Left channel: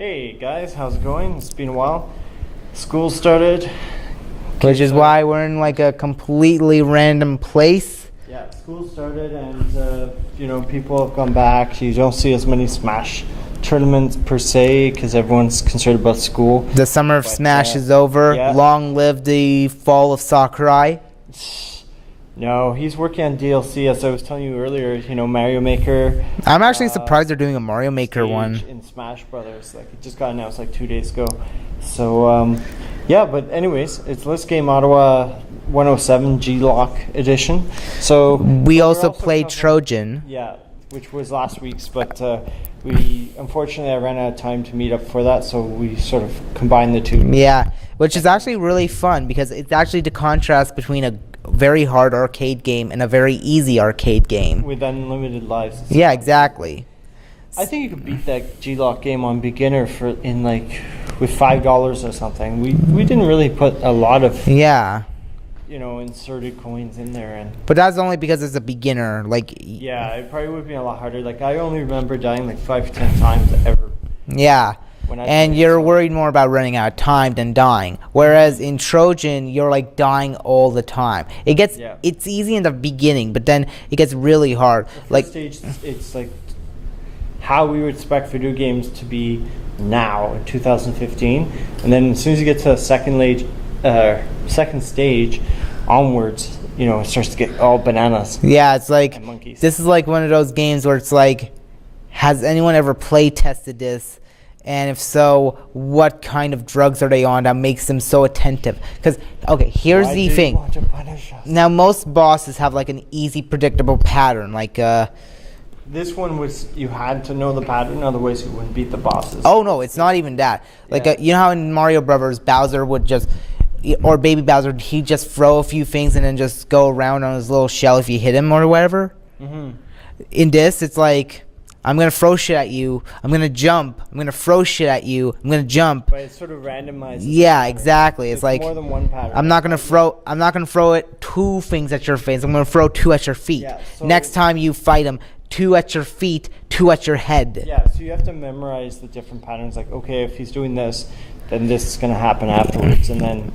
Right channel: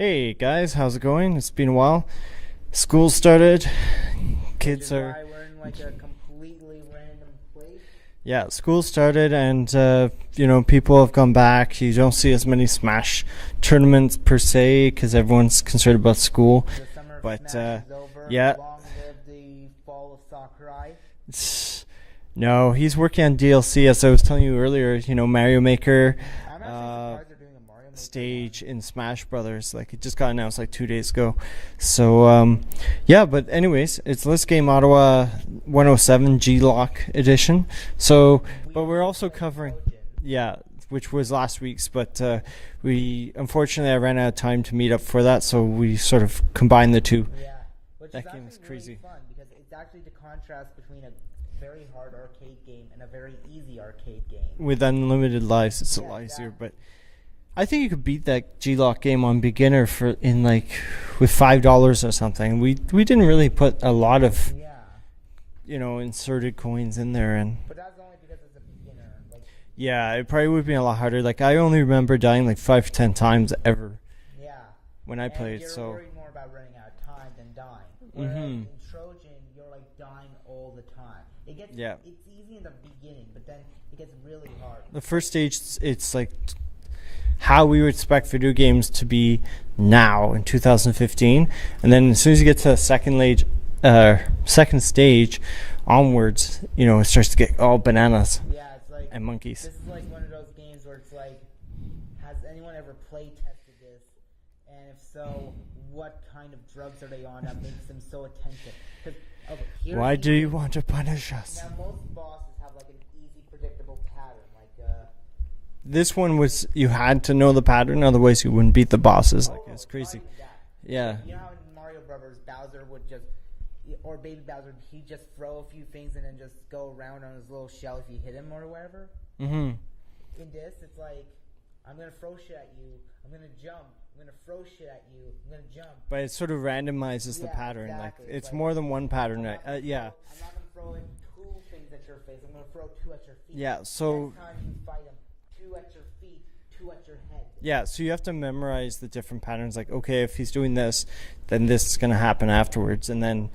Hey guys, how's it going? It's been a while. School started. Which is why we're in like a completely random place. Yeah, school started and, people have gone back. You don't see as many Smash tournaments per se because everyone's concerned about school. The summer of Smash is over. Yeah. Long live the fall of Sakurai. No, he's working on DLC, as I was telling you earlier, Mario Maker. I'm actually surprised they're doing a Mario Maker one. In Smash Brothers. Like, it just got announced like 2 days ago. So, but anyways, it's List Game Ottawa 107 G-LOC edition. So we also played Trojan. Yeah, which was last week's, but unfortunately I ran out of time to meet up for that, so we sort of combined the two. Yeah, which is actually really fun because it's actually the contrast between a very hard arcade game and a very easy arcade game with unlimited lives. Yeah, exactly. I think you could beat that G-LOC game on beginner with $5 or something. We didn't really put a lot of inserted coins in there, but that's only because it's a beginner. Yeah, it probably would be a lot harder. Like, I only remember dying like 5 to 10 times ever. Yeah. And you're worried more about running out of time than dying. Whereas in Trojan, you're like dying all the time. It's easy in the beginning, but then it gets really hard. The first stage, it's like how we would expect video games to be now in 2015, and then as soon as you get to the second stage onwards, it starts to get all bananas. Yeah, it's like and monkeys. This is like one of those games where it's like, has anyone ever play tested this? And if so, what kind of drugs are they on that makes them so attentive? Because, here's the thing. Why do you want to punish us? Now, most bosses have like an easy, predictable pattern. This one was, you had to know the pattern, otherwise you wouldn't beat the bosses. Oh, no, it's not even that. You know how in Mario Brothers, Bowser would just, or Baby Bowser, he'd just throw a few things and then just go around on his little shell if you hit him or whatever? Mm-hmm. In this, it's like, I'm going to throw shit at you. I'm going to jump. I'm going to throw shit at you. I'm going to jump. But it sort of randomizes. Yeah, exactly. It's like more than one pattern. I'm not going to throw it 2 things at your face. I'm going to throw 2 at your feet. Yeah, so next time you fight him, 2 at your feet, 2 at your head. Yeah, so you have to memorize the different patterns. Like, okay, if he's doing this, then this is going to happen afterwards, and then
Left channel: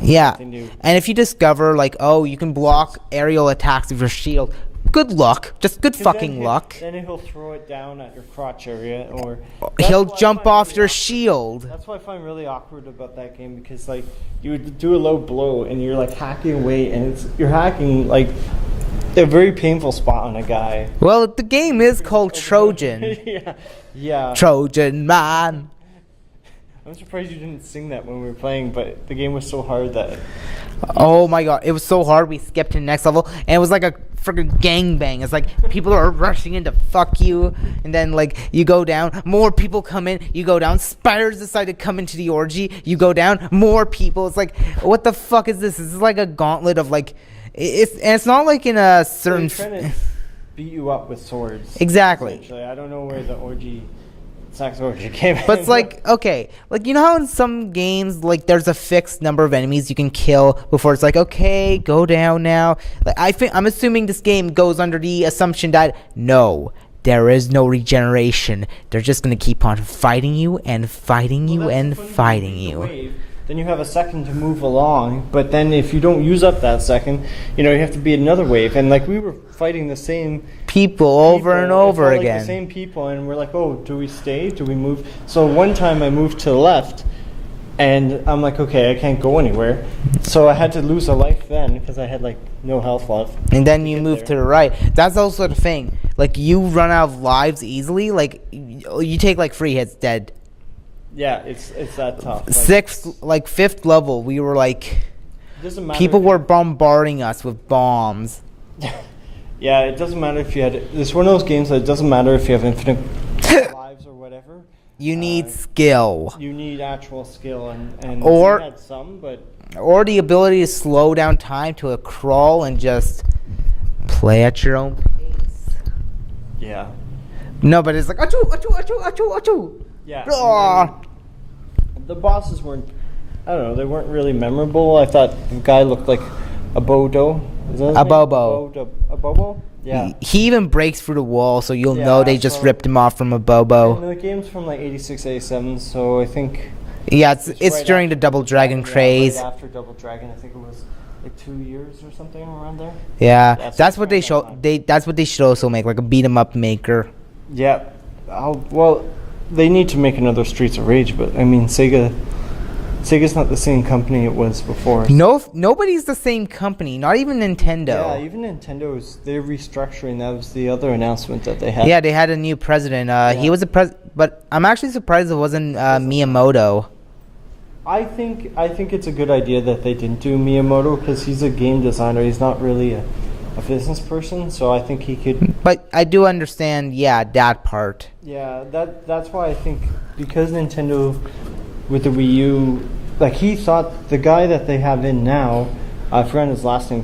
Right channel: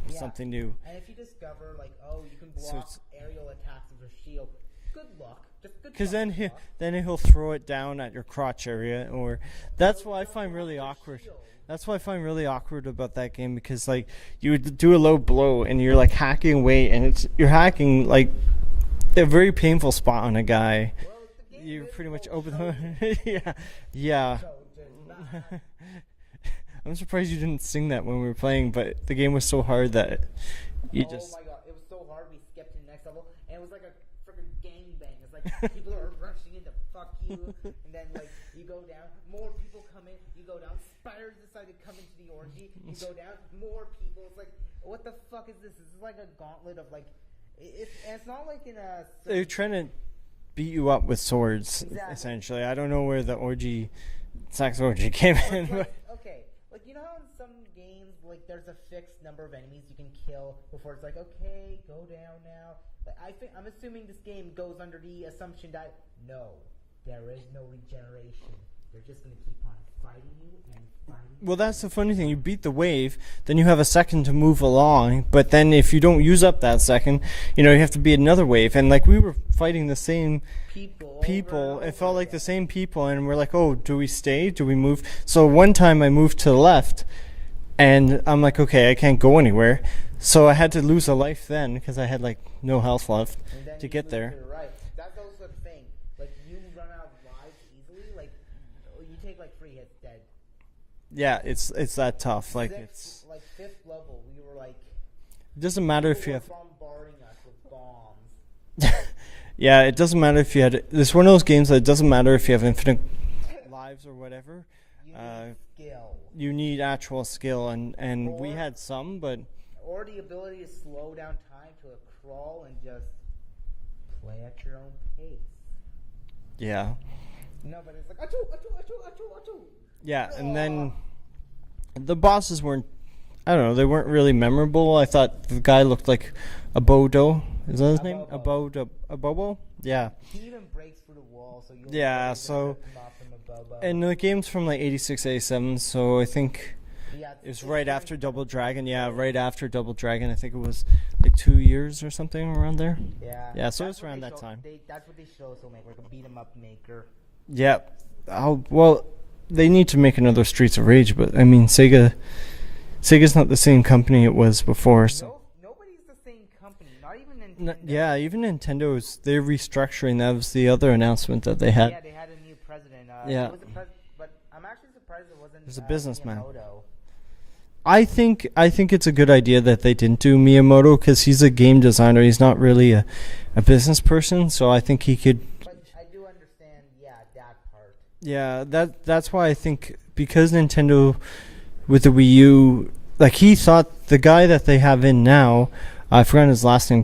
Yeah. And if you discover you can block aerial attacks with your shield, good luck. Just good fucking luck. Then he'll throw it down at your crotch area, or he'll jump off your shield. That's what I find really awkward about that game, because you would do a low blow and you're hacking away, and you're hacking a very painful spot on a guy. Well, the game is called Trojan. Yeah. Trojan man. I'm surprised you didn't sing that when we were playing, but the game was so hard that. Oh my god, it was so hard. We skipped to the next level, and it was like a freaking gangbang. It's like people are rushing in to fuck you, and then you go down, more people come in, you go down, spiders decide to come into the orgy, you go down, more people. It's like, what the fuck is this? This is like a gauntlet of it's not like in a certain. They're trying to beat you up with swords. Exactly. Essentially, I don't know where the sex orgy came in. But it's you know how in some games there's a fixed number of enemies you can kill before it's okay, go down now. I'm assuming this game goes under the assumption that no, there is no regeneration. They're just gonna keep on fighting you and fighting you and fighting you. The wave, then you have a second to move along. But then if you don't use up that second, you have to beat another wave. And we were fighting the same people over and over again. The same people, and we're like, oh, do we stay? Do we move? So one time I moved to the left, and I'm like, okay, I can't go anywhere. So I had to lose a life then because I had no health left. And then you move to the right. That's also the thing. You run out of lives easily. You take 3 hits, dead. Yeah, it's that tough. Fifth level, we were doesn't matter. People were bombarding us with bombs. Yeah, it doesn't matter if you had. It's one of those games that it doesn't matter if you have infinite lives or whatever. You need skill. You need actual skill, and or you had some, but or the ability to slow down time to a crawl and just play at your own pace. Yeah. No, but it's achoo, achoo, achoo, achoo, achoo. Yeah. The bosses weren't. I don't know. They weren't really memorable. I thought the guy looked like a Bodo. Is that his A name? Bobo. A Bobo? Yeah. He even breaks through the wall, so you'll know Yeah, they just so- ripped him off from a Bobo. And the game's from like 86, 87, so I think Yeah, it's right during after the Double Dragon craze. Yeah, right after Double Dragon, I think it was like 2 years or something around there. Yeah, Yeah, so that's it's what around they that show. time. That's what they should also make, like a beat 'em up maker. Yeah. Well, they need to make another Streets of Rage, but I mean, Sega's not the same company it was before. So. Nobody's the same company. Not even Nintendo. Yeah, even Nintendo's, they're restructuring. That was the other announcement that they had. Yeah, they had a new president. He was but I'm actually surprised it wasn't Miyamoto. I think it's a good idea that they didn't do Miyamoto because he's a game designer. He's not really a business person, so I think he could. But I do understand, yeah, that part. Yeah, that's why I think because Nintendo with the Wii U, like he thought the guy that they have in now, I forgot his last name,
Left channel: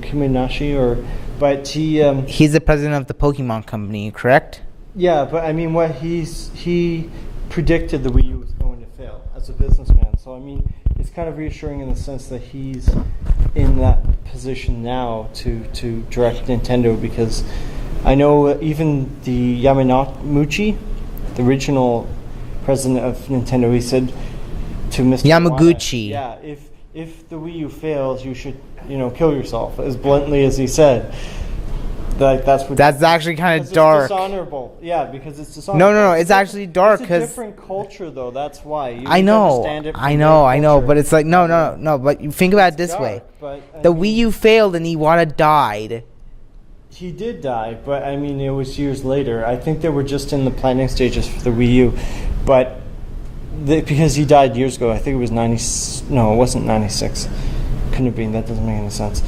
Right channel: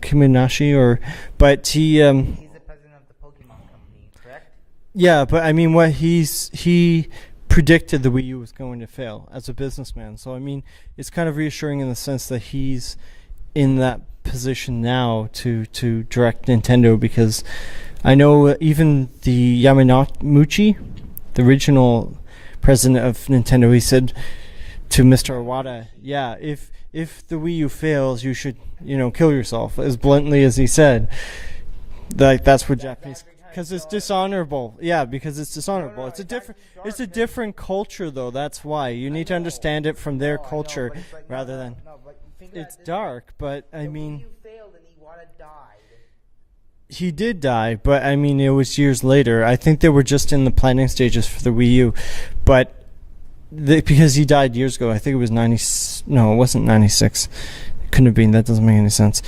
but He's the president of the Pokemon company, correct? yeah, but I mean what he predicted the Wii U was going to fail as a businessman. So I mean, it's kind of reassuring in the sense that he's in that position now to direct Nintendo because I know even the Yamauchi, the original president of Nintendo, he said to Mr. Yamaguchi. Iwata, yeah, if the Wii U fails, you should kill yourself, as bluntly as he said. That's actually kind of It's dark. dishonorable. Yeah, because it's dishonorable. No, it's actually dark. It's a different culture, though. That's why. You I need to know, understand it from I their know, culture. but it's like no. But you think about it this Dark, way: but, I the mean, Wii U failed and Iwata died. He did die, but I mean, it was years later. I think they were just in the planning stages for the Wii U, but because he died years ago, I think it was 90. No, it wasn't 96. Couldn't have been. That doesn't make any sense.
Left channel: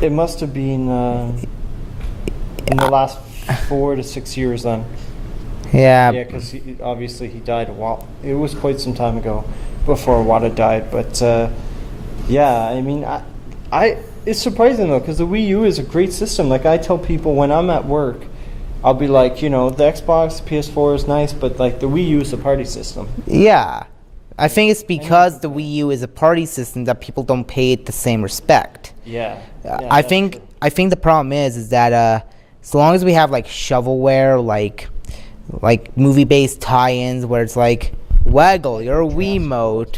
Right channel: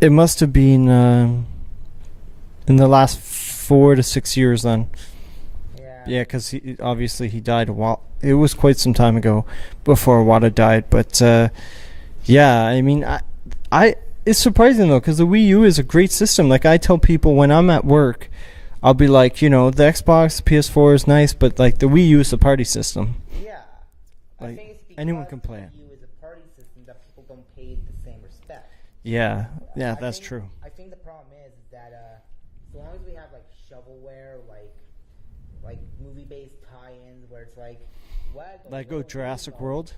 It must have been in the last 4 to 6 years then. Yeah. Yeah, because obviously he died a while. It was quite some time ago before Wada died. But yeah, I mean, it's surprising though because the Wii U is a great system. Like I tell people when I'm at work, I'll be like, the Xbox, PS4 is nice, but like the Wii U is a party system. Yeah. I think it's because the complain. Wii U is a party system that people don't pay it the same respect. Yeah. I think the problem is that as long as we have like shovelware, like movie-based tie-ins where it's like Waggle, you're a Wiimote.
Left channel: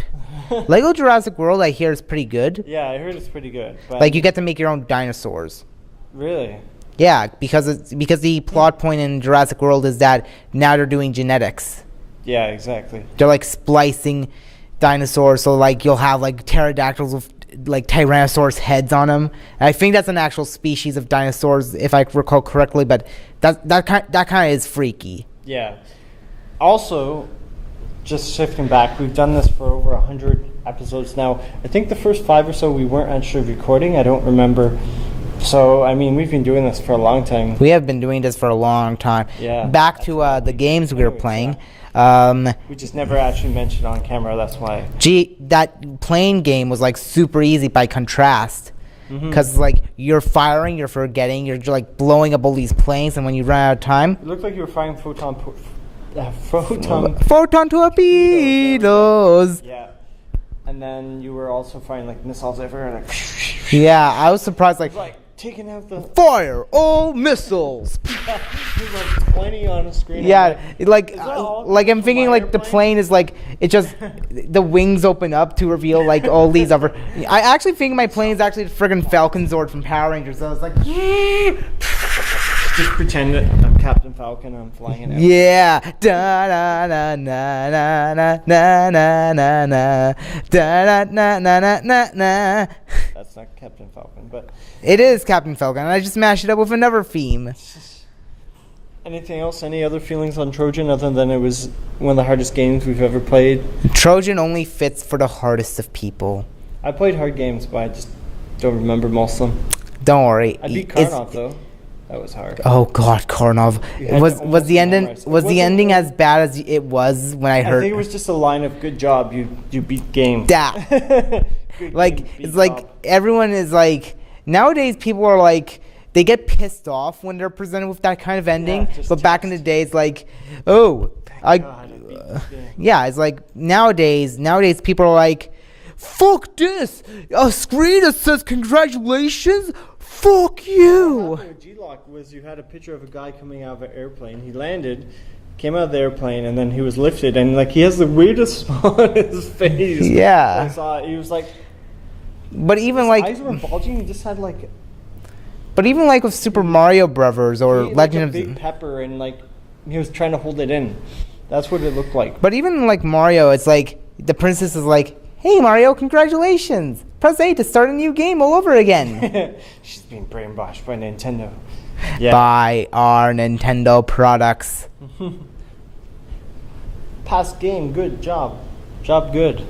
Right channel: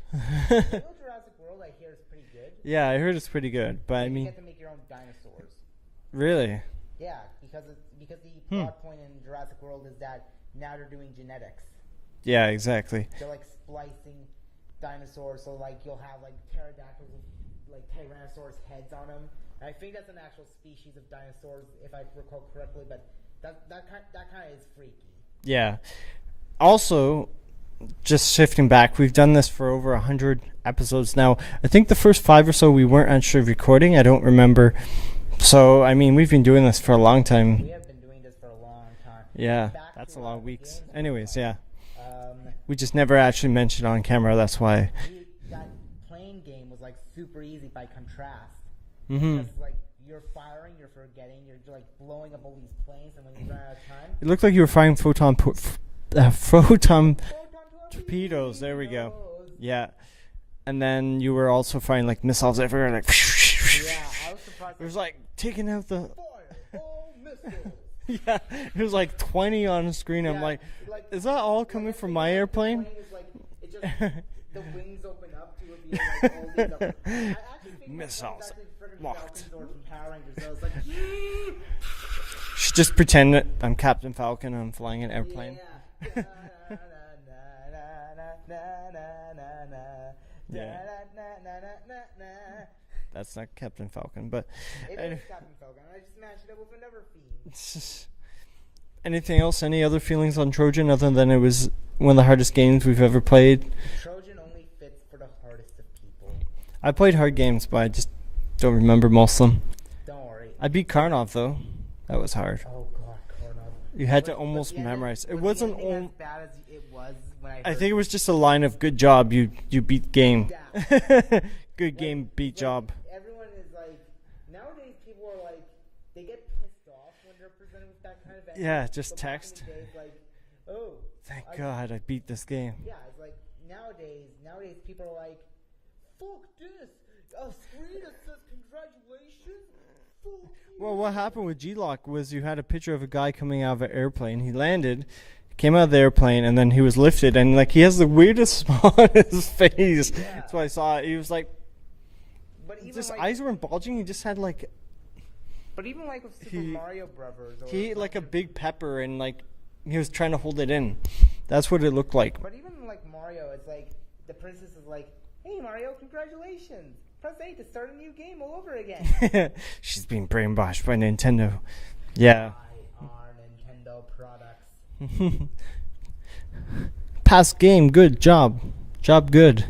Lego Jurassic World, I hear is pretty good. Yeah, I heard it's pretty good. But Like you get to make your own dinosaurs. Really? Yeah, because the plot point in Jurassic World is that now they're doing genetics. Yeah, exactly. They're like splicing dinosaurs, so like you'll have like pterodactyls with like Tyrannosaurus heads on them. And I think that's an actual species of dinosaurs, if I recall correctly. But that kind of is freaky. Yeah. Also, just shifting back, we've done this for over 100 episodes now. I think the first 5 or so we weren't actually recording. I don't remember. So, I mean, we've been doing this for a long time. We have been doing this for a long time. Yeah. Back to the games we were Anyways, playing. We just never actually mentioned on camera, that's why. That plane game was like super easy by contrast. Because like you're firing, you're forgetting, you're like blowing up all these planes, and when you run out of time, It looked like you were firing photon torpedoes. Yeah. And then you were also firing like missiles everywhere, like Yeah, I was surprised. like taking out the Fire all missiles. there's like 20 on the screen. Yeah, like Is that all like coming I'm from thinking my like the airplane? plane is like it just the wings open up to reveal like all these other. I actually think my plane is actually the friggin' Falcon Zord from Power Rangers. So it's like Just pretend that I'm Captain Falcon and I'm flying it out. yeah, da na na na na na na na na da na na na na na. That's not Captain Falcon, but It is Captain Falcon, and I just mashed it up with another theme. anything else? Any other feelings on Trojan other than it was one of the hardest games we've ever played? Trojan only fits for the hardest of people. I played hard games, but I just don't remember most of them. Don't worry. I beat It's- Karnov though. That was hard. Oh God, Karnov. You had to Was almost the ending memorize. It was the wasn't- ending as bad as it was when I I heard think it was just a line of "Good job, you beat game." that? Good Like game, beat it's like job. everyone is like nowadays people are like they get pissed off when they're presented with that kind of ending. just But back in the text. day, it's like, oh, God, I beat this game. yeah, it's like nowadays people are like, fuck this, a screen that says congratulations. fuck What you. happened with G-LOC was you had a picture of a guy coming out of an airplane. He landed, came out of the airplane, and then he was lifted, and like he has the weirdest smile on his face. Yeah. I saw it. He was like, But even his like, eyes were bulging. He just had like with Super Mario Brothers or he ate, Legend like a of big pepper, and like he was trying to hold it in. That's what it looked like. But even like Mario, it's like the princess is like, "Hey Mario, congratulations! Press A to start a new game all over again." She's being brainwashed by Nintendo. Yeah. Buy our Nintendo products. Past game, good job. Job good.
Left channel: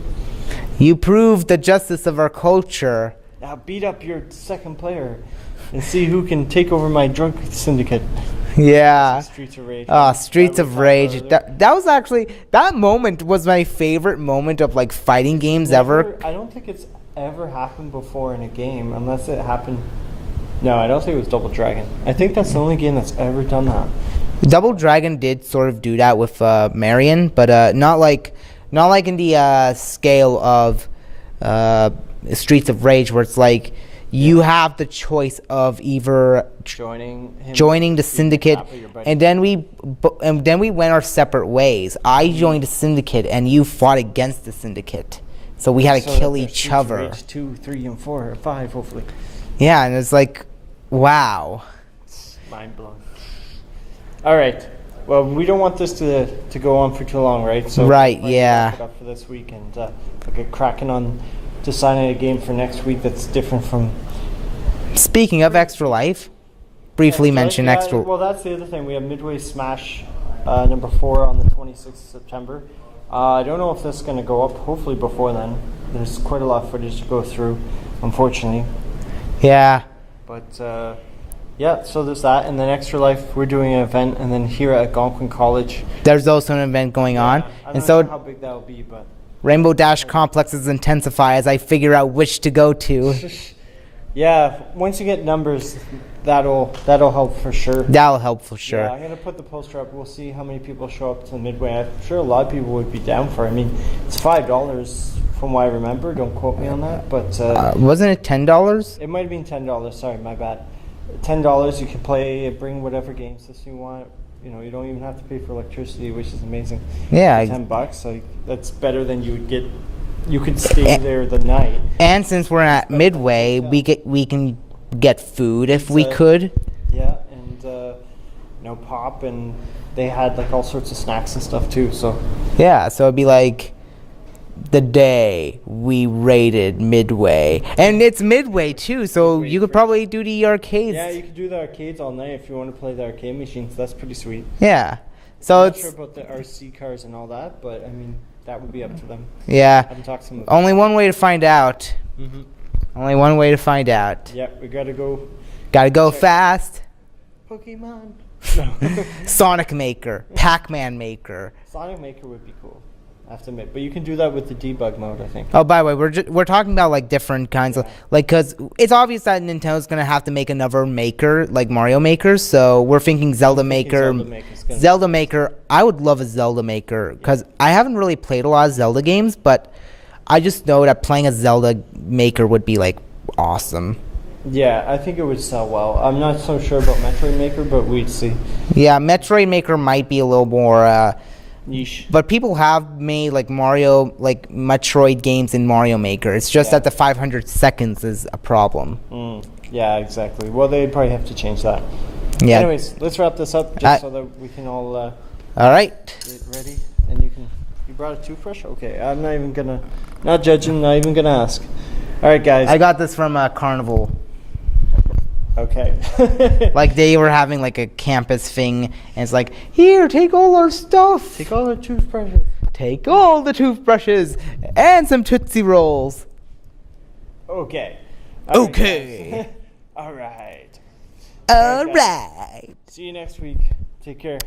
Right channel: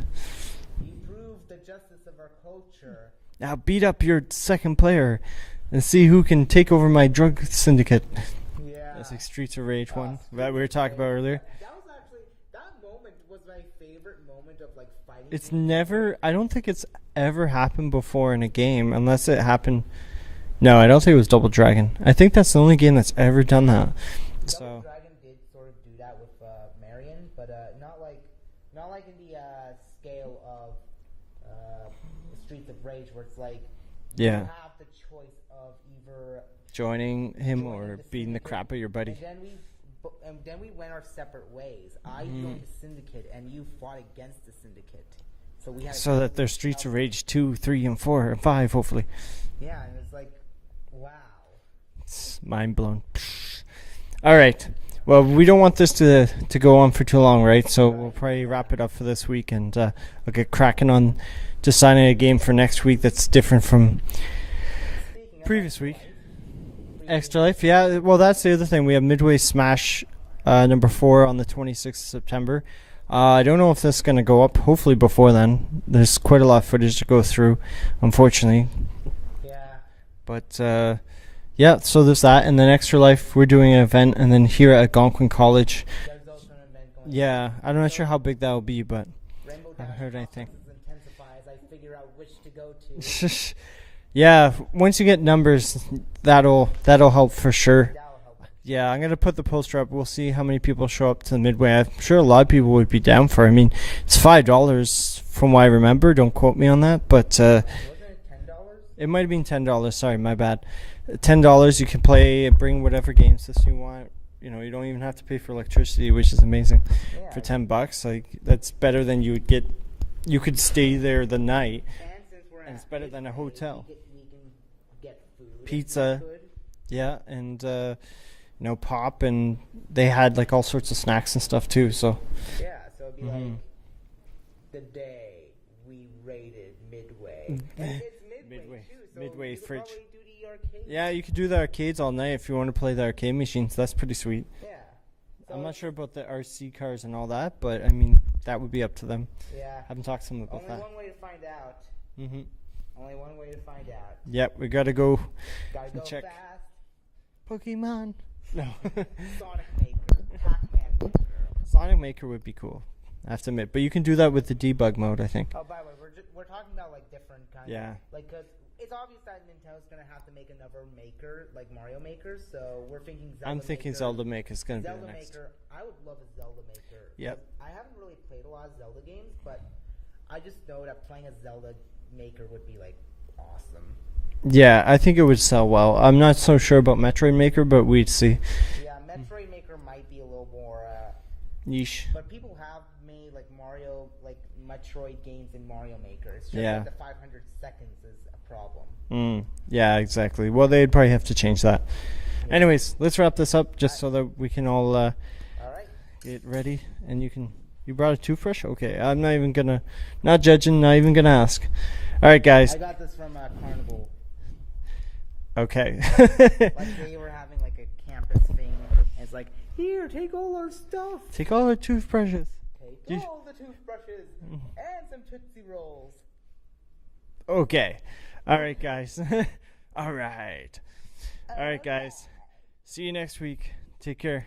You proved the justice of our culture. Now beat up your second player and see who can take over my drug syndicate. Yeah. Streets of Rage. Streets of Rage. That was actually, that moment was my favorite moment of like fighting games ever. I don't think it's ever happened before in a game, unless it happened. No, I don't think it was Double Dragon. I think that's the only game that's ever done that. Double Dragon did sort of do that with Marion, but not like in the scale of Streets of Rage, where it's like you have the choice of either joining the syndicate, and then we went our separate ways. I joined the syndicate, and you fought against the syndicate, so we had to kill each other. Rage 2, 3, and 4, and 5, hopefully. Yeah, and it's like, wow, it's mind blown. All right. Well, we don't want this to go on for too long, right? So right, we'll yeah. wrap it up for this week, and we'll get cracking on designing a game for next week that's different from. Speaking of Extra Life, briefly mention Extra. Well, that's the other thing. We have Midway Smash number 4 on the 26th of September. I don't know if this is going to go up. Hopefully before then. There's quite a lot of footage to go through, unfortunately. Yeah. But yeah, so there's that. And then Extra Life, we're doing an event, and then here at Algonquin College, there's also an event going on. I'm not sure how big that will be, but Rainbow Dash complexes intensify as I figure out which to go to. Yeah, once you get numbers, that'll help for sure. That'll help for sure. Yeah, I'm gonna put the poster up. We'll see how many people show up to the Midway. I'm sure a lot of people would be down for it. I mean, it's $5 from what I remember. Don't quote me on that, but wasn't it $10? It might have been $10. Sorry, my bad. $10. You can play and bring whatever game system you want. You know, you don't even have to pay for electricity, which is amazing. Yeah, $10. Like that's better than you would get. You could stay there the night. And since we're at Midway, we can get food if we could. Yeah, and pop, and they had like all sorts of snacks and stuff too. So yeah, so it'd be like the day we raided Midway, and it's Midway too. So you could probably do the arcades. Yeah, you could do the arcades all night if you want to play the arcade machines. That's pretty sweet. Yeah. So I'm not sure about the RC cars and all that, but I mean that would be up to them. Yeah. I haven't talked to them. Only one way to find out. Mm-hmm. Only one way to find out. Yep, we gotta go. Gotta go fast. Pokemon. Sonic Maker, Pac-Man Maker. Sonic Maker would be cool, I have to admit. But you can do that with the debug mode, I think. Oh, by the way, we're talking about like different kinds of because it's obvious that Nintendo's gonna have to make another Maker like Mario Maker. So we're thinking Zelda Maker. Zelda Maker. I would love a Zelda Maker because I haven't really played a lot of Zelda games, but I just know that playing a Zelda Maker would be like awesome. Yeah, I think it would sell well. I'm not so sure about Metroid Maker, but we'd see. Yeah, Metroid Maker might be a little more niche. But people have made like Metroid games in Mario Maker. It's just that the 500 seconds is a problem. Yeah, exactly. Well, they'd probably have to change that. Yeah. Anyways, let's wrap this up just so that we can all all right. Get ready. And you brought a toothbrush? Okay, I'm not even gonna, not judging, not even gonna ask. All right, guys. I got this from Carnival. Okay. Like they were having like a campus thing, and it's like, here, take all our stuff. Take all our toothbrushes. Take all the toothbrushes and some Tootsie Rolls. Okay. Okay. All right. All right. See you next week. Take care.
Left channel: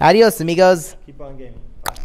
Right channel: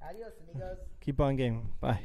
Adios, amigos. Keep on gaming. Bye.